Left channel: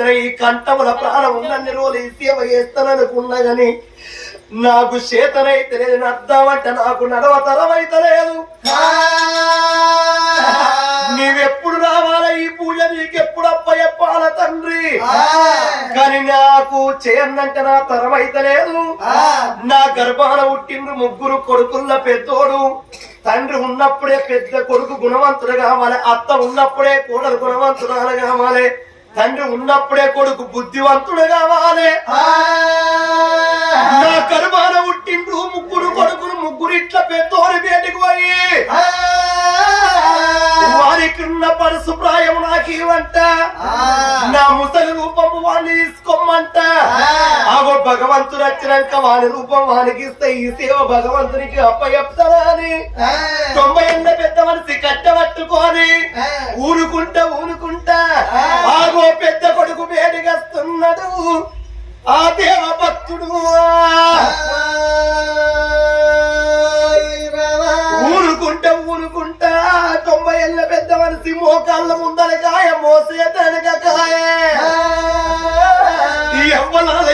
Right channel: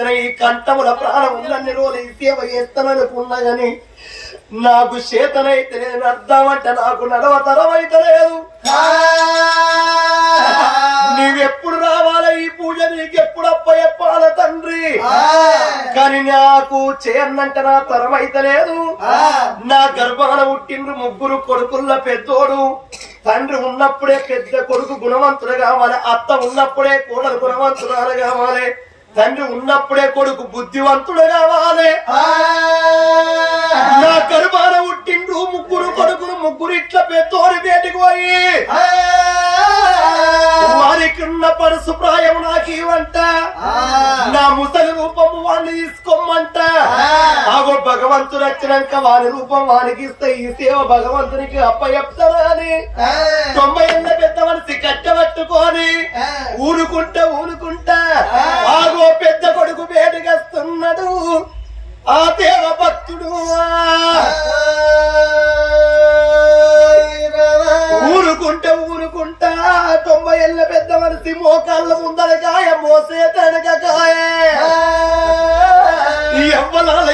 చేసిన ఈ కంఠముల ప్రాణం ఉన్నన్ని రోజులు ఈ సేవ చేస్తాననుకున్నా గాని నాకు చేతనైతే లేదు అర్థం అంటే నాకు నడవతరమైతే లేదు. నీవెప్పుడు రావాలా ఈ పూజ నీకెప్పుడు అప్పయ్యప్పాల తండ్రి కానీ నాకు చేయనంటే నా తరమైతే లేదు. నా గర్భాన పుట్టిండ్రు ముగ్గురు కొడుకుల పెద్దోడు. తండ్రి ఉన్నప్పుడే పెద్ద కొడుకు గుణవంతుడు కావాలి, అత్త ఉన్నప్పుడే కోడలు గుణవంతురాలు కావాలి, తండ్రి ఉన్నప్పుడే కొడుకు బుద్ధివంతుడు కావాలి. నా గర్భాన పుట్టిండ్రు ముగ్గురు కొడుకులు, ముగ్గురు ఇట్లా పెద్దోడి బయటికి పోయి వారికున్న పరుసు ప్రాయం నాకు ఇవ్వంట, నా ముసలి రూపము వాడిని తీసుకోమంట. ఆగో భగవంతుడు వచ్చినాక వాని రూపం వానికి ఇస్తే ఈ సేవ భగవంతునికి అప్పచెప్తారా అని 90 ఏళ్ళ పెద్ద మనిషి కట్టబట్టుకొని ఊరుకుంటా ఆగో పెద్ద కొడుకు వేడిగస్తున్నాడు. ఆ దేవ భక్తుడు ఊరుకుంటా 90 ఏళ్ళ పెద్ద మనిషి మోకాళ్ళ ముందర కాయ మోసే తనక కాయ ఎవ్వలాల